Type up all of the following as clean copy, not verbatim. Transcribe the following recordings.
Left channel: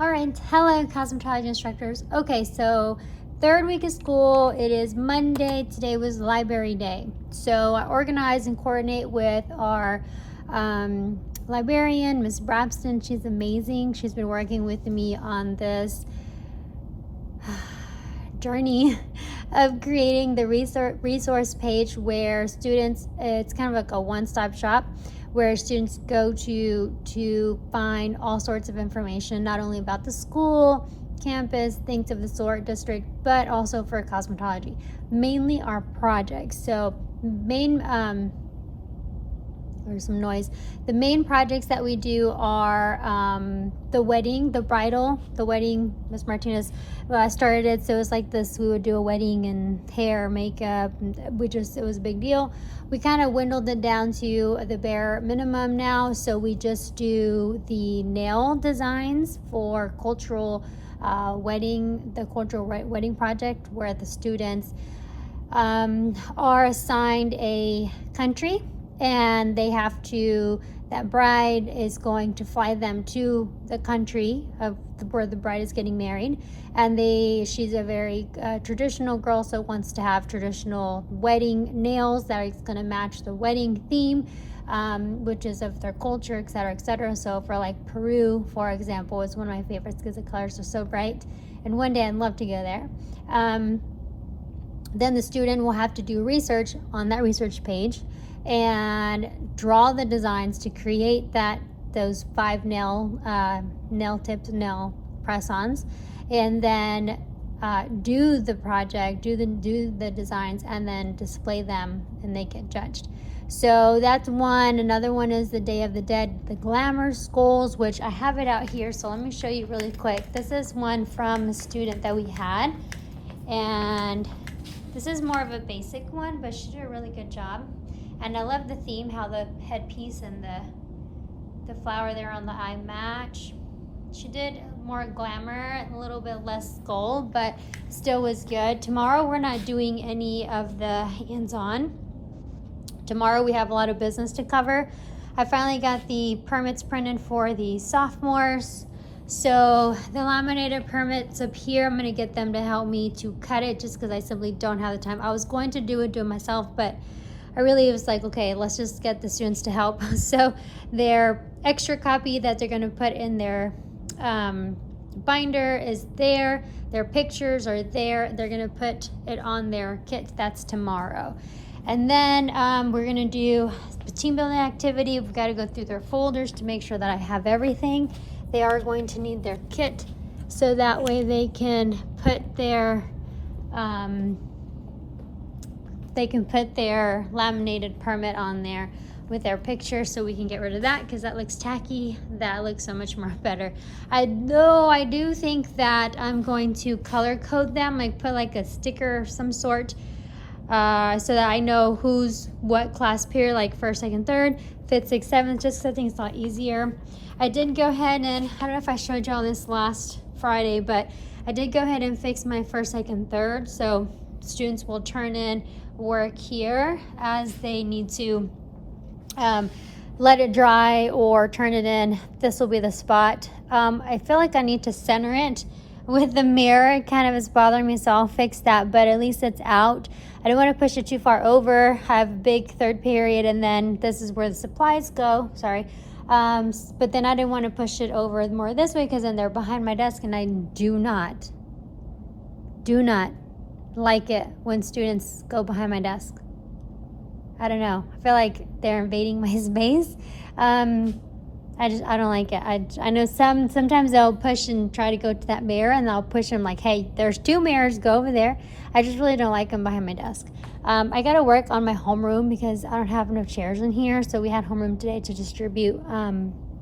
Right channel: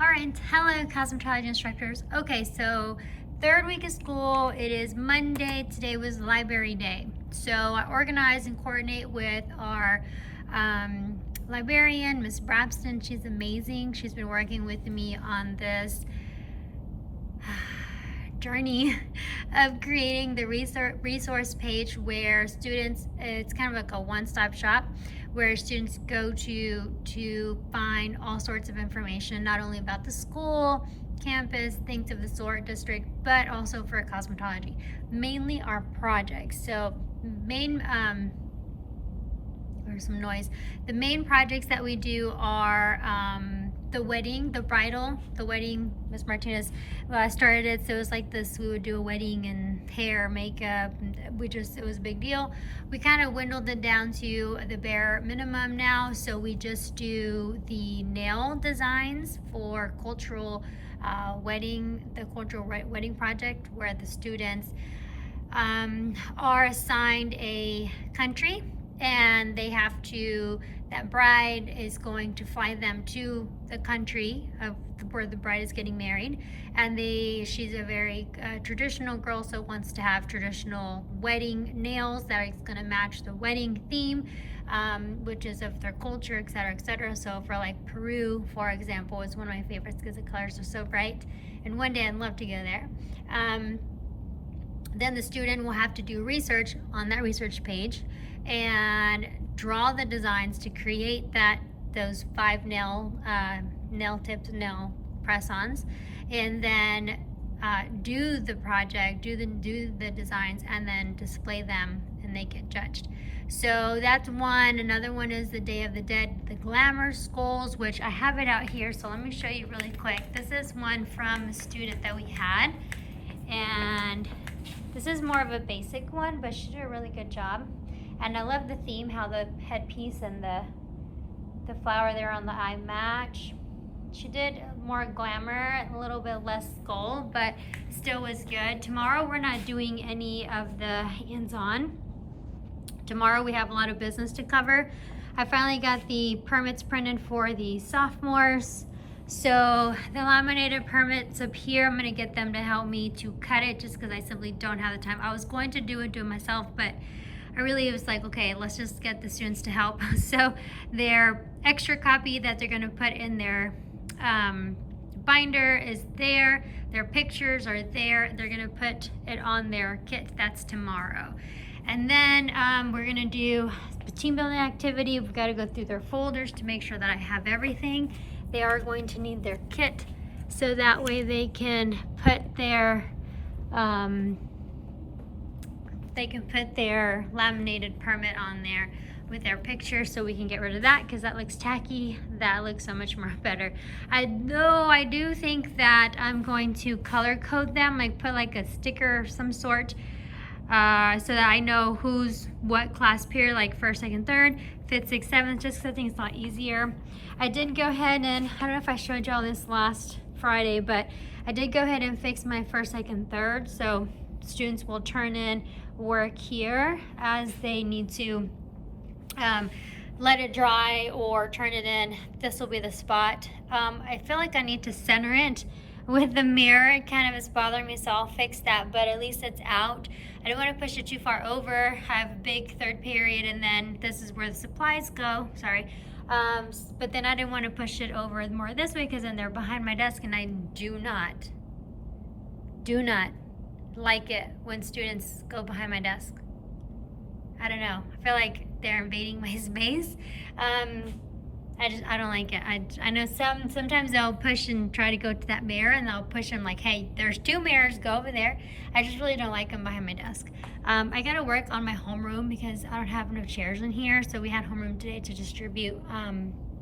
All right, hello cosmetology instructors. Okay, so third week of school, it is Monday. Today was library day. So I organize and coordinate with our librarian, Miss Brabston. She's amazing. She's been working with me on this journey of creating the resource page where students, it's kind of like a one-stop shop where students go to find all sorts of information, not only about the school, campus, things of the sort, district, but also for cosmetology, mainly our projects. So there's some noise. The main projects that we do are the wedding, the bridal, the wedding. Miss Martinez started it, so it was like this. We would do a wedding and hair, makeup. It was a big deal. We kind of dwindled it down to the bare minimum now. So we just do the nail designs for cultural wedding, the cultural wedding project, where the students are assigned a country. And they have to, that bride is going to fly them to the country of where the bride is getting married. And she's a very traditional girl, so wants to have traditional wedding nails that is gonna match the wedding theme, which is of their culture, et cetera, et cetera. So for like Peru, for example, is one of my favorites because the colors are so bright. And one day I'd love to go there. Then the student will have to do research on that research page and draw the designs to create those 5 nail tips, nail press-ons, and then do the project, do the designs, and then display them, and they get judged. So that's one. Another one is the Day of the Dead, the glamour skulls, which I have it out here. So let me show you really quick. This is one from a student that we had, and this is more of a basic one, but she did a really good job. And I love the theme, how the headpiece and the flower there on the eye match. She did more glamour, a little bit less skull, but still was good. Tomorrow we're not doing any of the hands-on. Tomorrow we have a lot of business to cover. I finally got the permits printed for the sophomores. So the laminated permits up here, I'm gonna get them to help me to cut it just because I simply don't have the time. I was going to do it myself, but I really was like, okay, let's just get the students to help. So their extra copy that they're gonna put in their binder is there. Their pictures are there. They're gonna put it on their kit. That's tomorrow. And then we're gonna do the team building activity. We've gotta go through their folders to make sure that I have everything. They are going to need their kit, so that way they can put their laminated permit on there with their picture, so we can get rid of that because that looks tacky. That looks so much more better. I do think that I'm going to color code them, like put like a sticker of some sort, so that I know who's what class period, like first, second, third, fifth, sixth, seventh, just because I think it's a lot easier. I did go ahead and, I don't know if I showed y'all this last Friday, but I did go ahead and fix my first, second, third. So students will turn in work here as they need to let it dry or turn it in. This will be the spot. I feel like I need to center it with the mirror. It kind of is bothering me, so I'll fix that, but at least it's out. I don't want to push it too far over. I have a big third period, and then this is where the supplies go. Sorry. But then I didn't want to push it over more this way because then they're behind my desk, and I do not like it when students go behind my desk. I don't know. I feel like they're invading my space. I don't like it. I know sometimes they'll push and try to go to that mirror, and I'll push them like, hey, there's 2 mirrors, go over there. I just really don't like them behind my desk. I gotta work on my homeroom because I don't have enough chairs in here. So we had homeroom today to distribute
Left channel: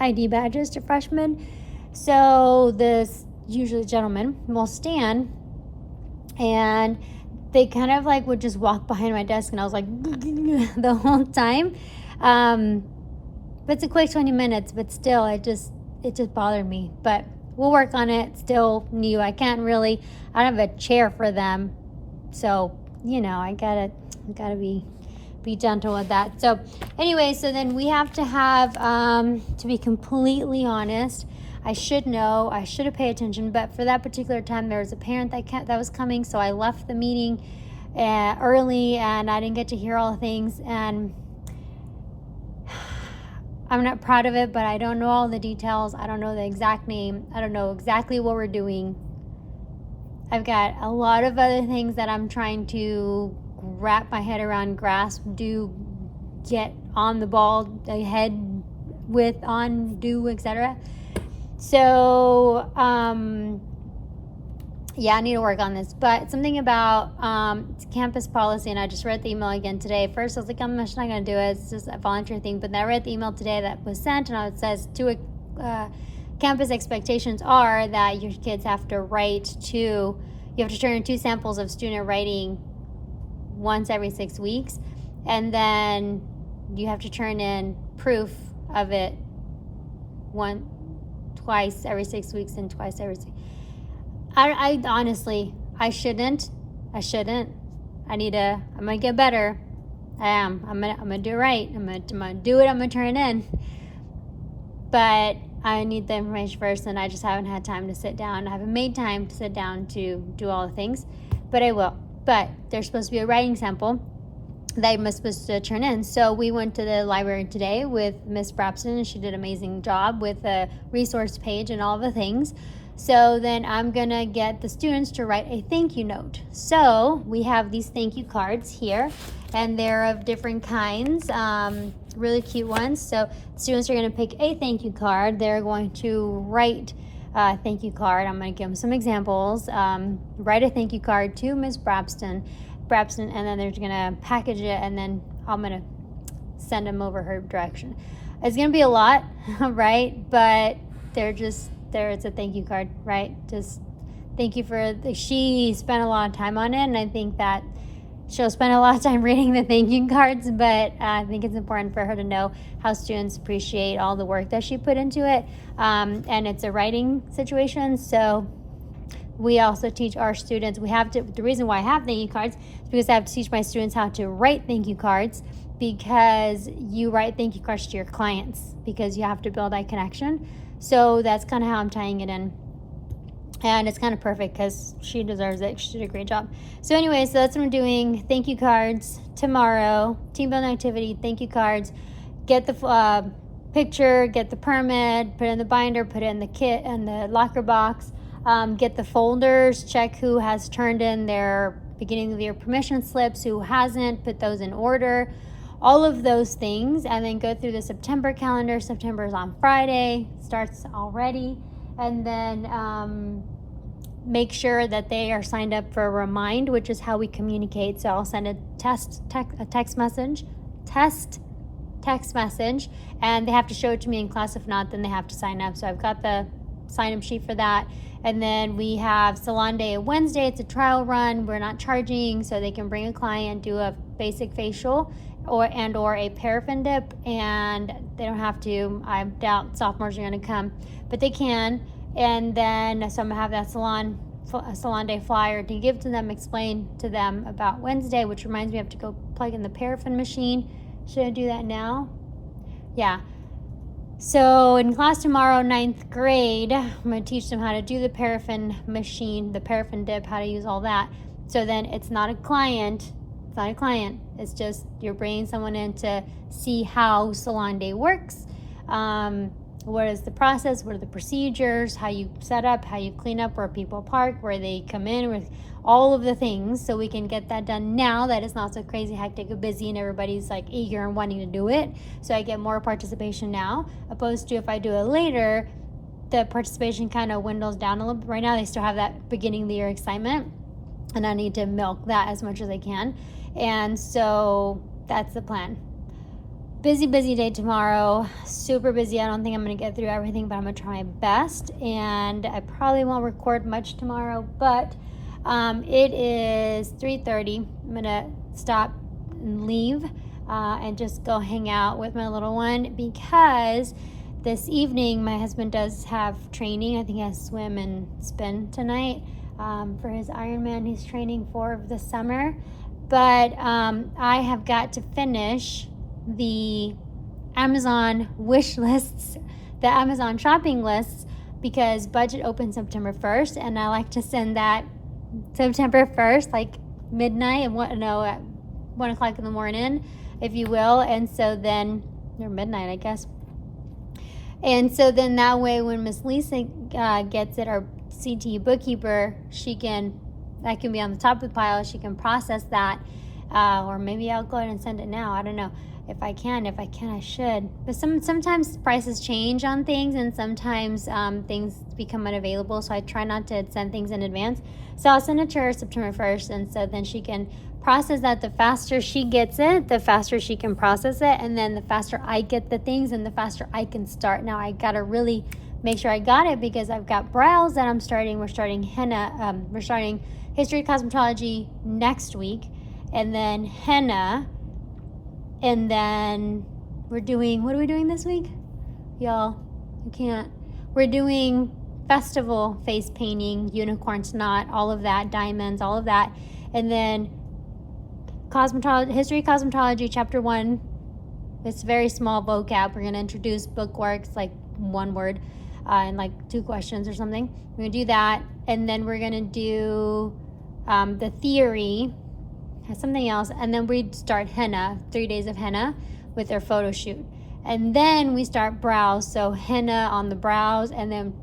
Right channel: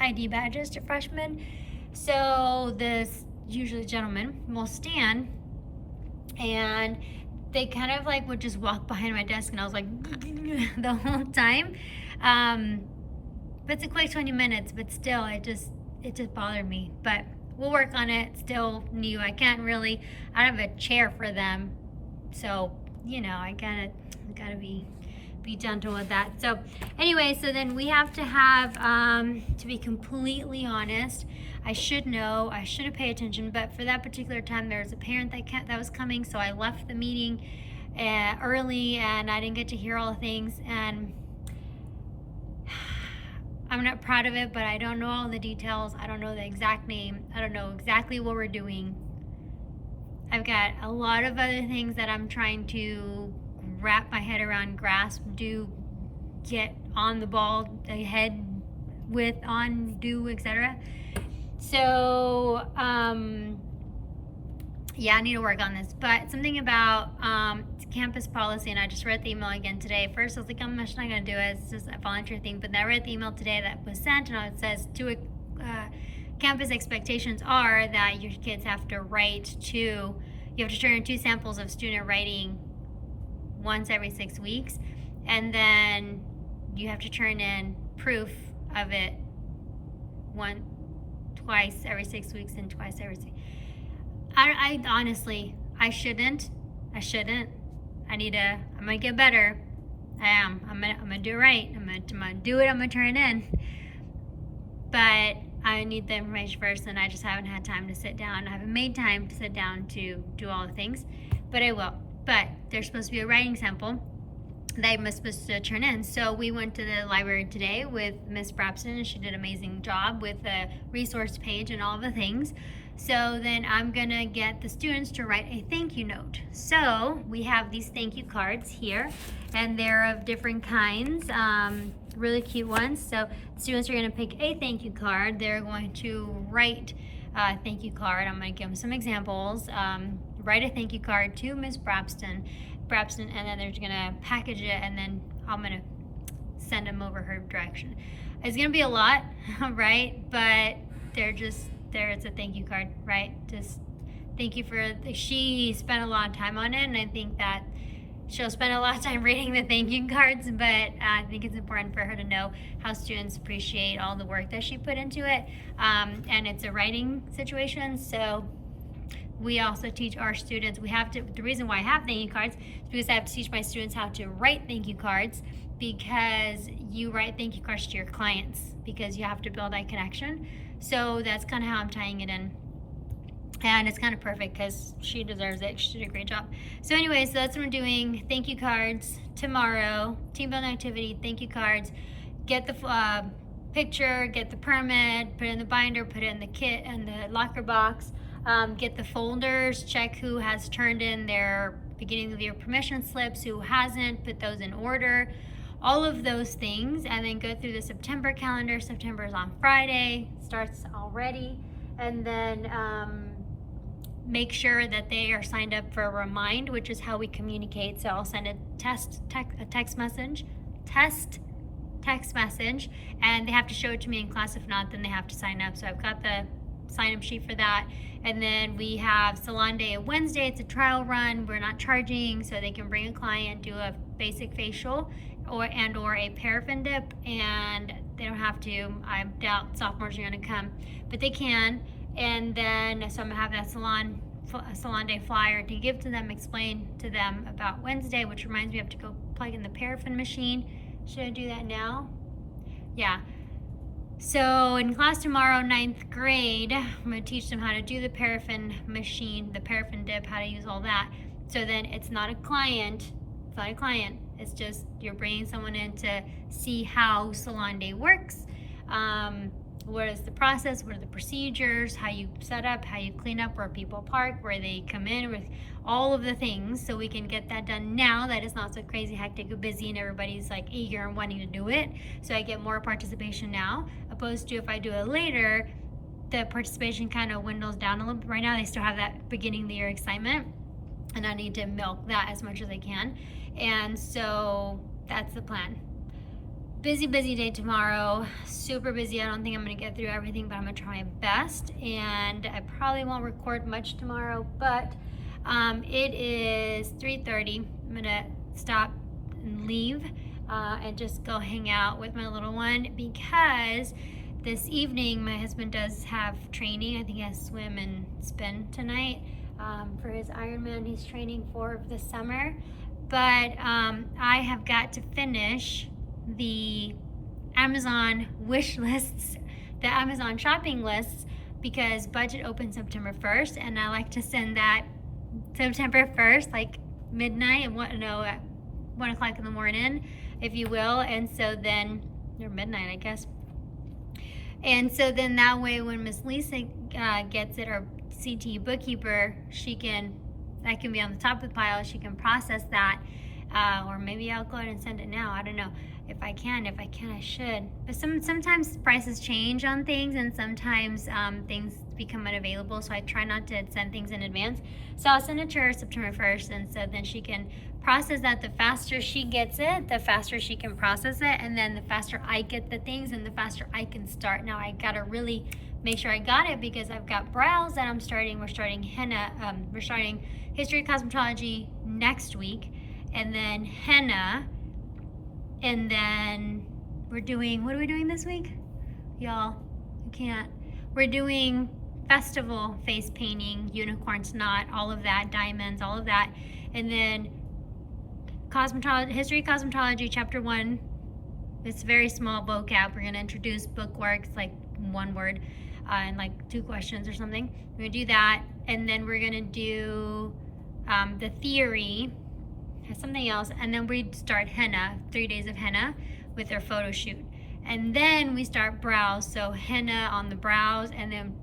ID badges to freshmen. So this usually gentleman will stand, and they kind of like would just walk behind my desk, and I was like the whole time. But it's a quick 20 minutes, but still it just bothered me. But we'll work on it. Still new. I don't have a chair for them, so you know, I gotta be be gentle with that. So anyway, so then we have to have, to be completely honest, I should know, I should have paid attention, but for that particular time, there was a parent that was coming, so I left the meeting early, and I didn't get to hear all the things, and I'm not proud of it, but I don't know all the details. I don't know the exact name. I don't know exactly what we're doing. I've got a lot of other things that I'm trying to wrap my head around, grasp, do, get on the ball, ahead with, on, do, etc. So, yeah, I need to work on this. But something about campus policy, and I just read the email again today. First, I was like, I'm just not going to do it. It's just a volunteer thing. But then I read the email today that was sent, and it says campus expectations are that your kids have to you have to turn in 2 samples of student writing once every 6 weeks, and then you have to turn in proof of it twice every 6 weeks and twice every 6. I honestly, I shouldn't. I'm gonna get better. I am. I'm gonna do it right. I'm gonna do it. I'm gonna turn it in. But I need the information first, and I just haven't had time to sit down. I haven't made time to sit down to do all the things, but I will. But there's supposed to be a writing sample that I'm supposed to turn in. So we went to the library today with Miss Brabston, and she did an amazing job with a resource page and all the things. So then I'm gonna get the students to write a thank you note. So we have these thank you cards here, and they're of different kinds, really cute ones. So students are gonna pick a thank you card. They're going to write a thank you card. I'm gonna give them some examples. Write a thank you card to Miss Brabston, and then they're gonna package it, and then I'm gonna send them over her direction. It's gonna be a lot, right? But it's a thank you card, right? Just thank you she spent a lot of time on it, and I think that she'll spend a lot of time reading the thank you cards, but I think it's important for her to know how students appreciate all the work that she put into it. And it's a writing situation, so we also teach our students, the reason why I have thank you cards is because I have to teach my students how to write thank you cards, because you write thank you cards to your clients, because you have to build that connection. So that's kind of how I'm tying it in. And it's kind of perfect because she deserves it. She did a great job. So anyway, so that's what we're doing. Thank you cards tomorrow. Team building activity, thank you cards. Get the picture, get the permit, put it in the binder, put it in the kit and the locker box. Get the folders, check who has turned in their beginning of the year permission slips, who hasn't, put those in order. All of those things, and then go through the September calendar. September is on Friday, starts already. And then make sure that they are signed up for a Remind, which is how we communicate. So I'll send a text message, and they have to show it to me in class. If not, then they have to sign up. So I've got the sign-up sheet for that. And then we have Salon Day Wednesday. It's a trial run. We're not charging, so they can bring a client, do a basic facial or a paraffin dip, and they don't have to. I doubt sophomores are going to come, but they can. And then so I'm gonna have that salon day flyer to give to them, explain to them about Wednesday, which reminds me I have to go plug in the paraffin machine. Should I do that now? Yeah. So in class tomorrow, 9th grade, I'm gonna teach them how to do the paraffin machine, the paraffin dip, how to use all that. So then it's not a client. It's just you're bringing someone in to see how Salon Day works. What is the process? What are the procedures? How you set up, how you clean up, where people park, where they come in, with all of the things, so we can get that done now that it's not so crazy, hectic, and busy, and everybody's like eager and wanting to do it. So I get more participation now, opposed to if I do it later, the participation kind of dwindles down a little bit. Right now they still have that beginning of the year excitement, and I need to milk that as much as I can. And so that's the plan. Busy day tomorrow, super busy. I don't think I'm gonna get through everything, but I'm gonna try my best. And I probably won't record much tomorrow, but it is 3:30. I'm gonna stop and leave and just go hang out with my little one, because this evening my husband does have training. I think he has swim and spin tonight for his Ironman he's training for the summer. But I have got to finish the Amazon wish lists, the Amazon shopping lists, because budget opens September 1st, and I like to send that September 1st, like midnight, and at 1 o'clock in the morning, if you will. And so then, or midnight, I guess. And so then that way, when Miss Lisa gets it, our CT bookkeeper, that can be on the top of the pile. She can process that, or maybe I'll go ahead and send it now. I don't know if I can. If I can, I should. But sometimes prices change on things, and sometimes things become unavailable. So I try not to send things in advance. So I'll send it to her September 1st, and so then she can process that. The faster she gets it, the faster she can process it, and then the faster I get the things, and the faster I can start. Now I gotta really make sure I got it, because I've got brows that we're starting henna, we're starting history of cosmetology next week, and then henna, and then what are we doing this week? Y'all, we're doing festival face painting, unicorns knot, all of that, diamonds, all of that, and then history of cosmetology, chapter 1. It's very small vocab. We're going to introduce bookworks, like one word, and like 2 questions or something. We're going to do that, and then we're going to do the theory, something else, and then we start henna, 3 days of henna with our photo shoot. And then we start brows, so henna on the brows, and then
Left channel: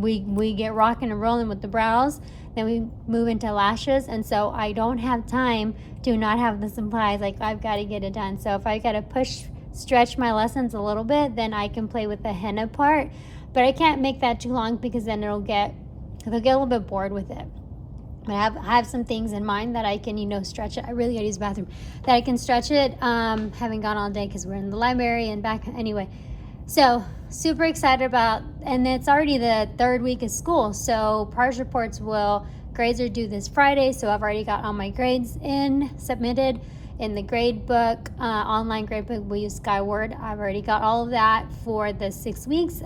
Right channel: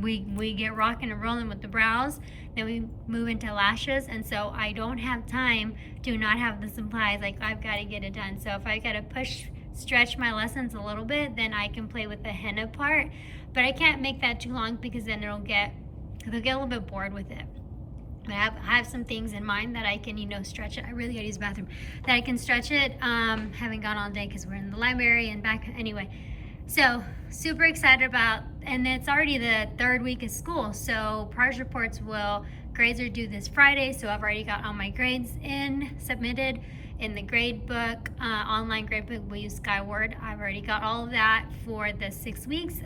we get rocking and rolling with the brows. Then we move into lashes, and so I don't have time to not have the supplies. Like, I've got to get it done. So if I got to stretch my lessons a little bit, then I can play with the henna part. But I can't make that too long, because then they'll get a little bit bored with it. But I have some things in mind that I can, stretch it. I really gotta use the bathroom. That I can stretch it. Haven't gone all day because we're in the library and back. Anyway, so super excited about, and it's already the 3rd week of school. So progress reports grades are due this Friday. So I've already got all my grades submitted in the grade book, online grade book. We use Skyward. I've already got all of that for the 6 weeks.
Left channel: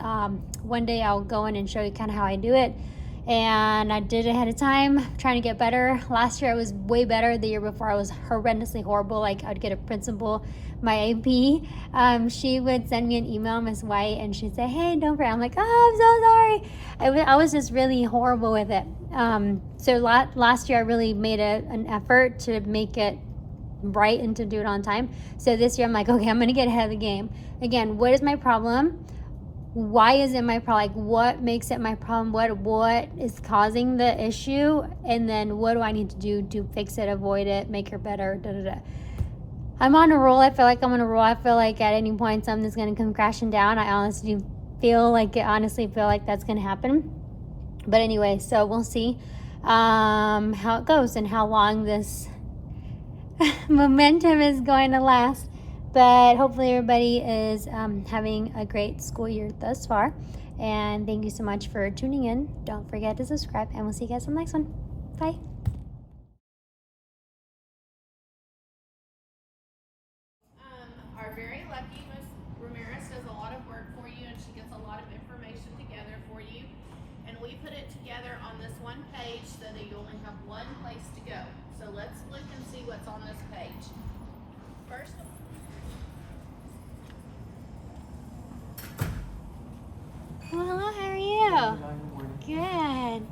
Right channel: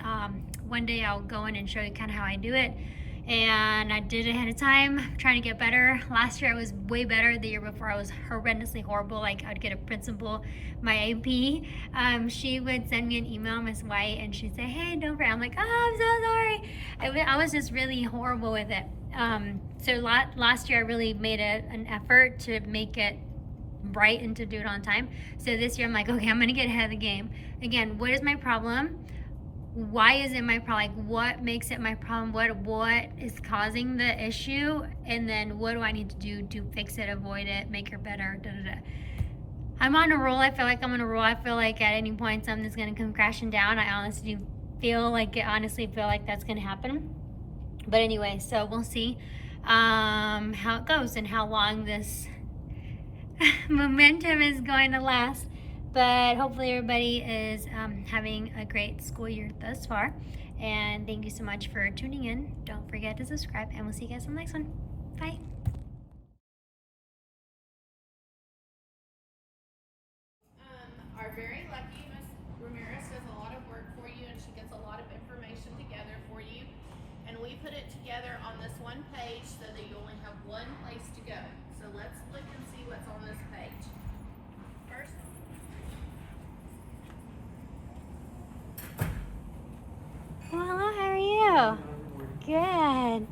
One day I'll go in and show you kind of how I do it. And I did it ahead of time, trying to get better. Last year I was way better. The year before I was horrendously horrible. Like, I'd get a principal, my AP, she would send me an email, Miss White, and she'd say, "Hey, don't forget." I'm like, "Oh, I'm so sorry." I was just really horrible with it. So last year I really made an effort to make it right and to do it on time. So this year I'm like, okay, I'm gonna get ahead of the game. Again, what is my problem? Why is it my problem? Like, what makes it my problem? What is causing the issue? And then what do I need to do to fix it, avoid it, make her better, I'm on a roll. I feel like I'm on a roll. I feel like at any point something's going to come crashing down. I honestly feel like that's going to happen. But anyway, so we'll see how it goes and how long this momentum is going to last. But hopefully everybody is having a great school year thus far. And thank you so much for tuning in. Don't forget to subscribe, and we'll see you guys on the next one. Bye. Our very lucky Ms. Ramirez does a lot of work for you, and she gets a lot of information together for you. And we put it together on this one page so that you only have one place to go. So let's look and see what's on this page. First, Well, hello, how are you? Good.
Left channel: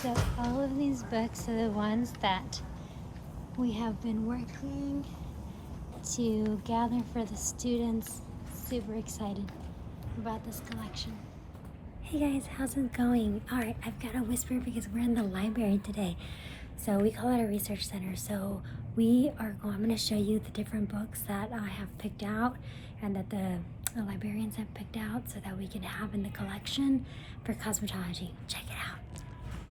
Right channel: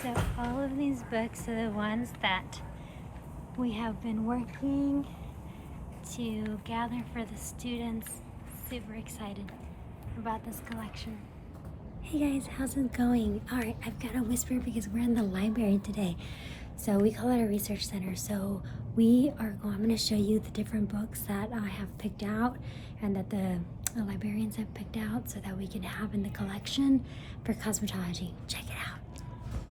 So all of these books are the ones that we have been working to gather for the students. Super excited about this collection. Hey guys, how's it going? All right, I've got a whisper because we're in the library today. So we call it a research center. So I'm going to show you the different books that I have picked out and that the librarians have picked out so that we can have in the collection for cosmetology. Check it out.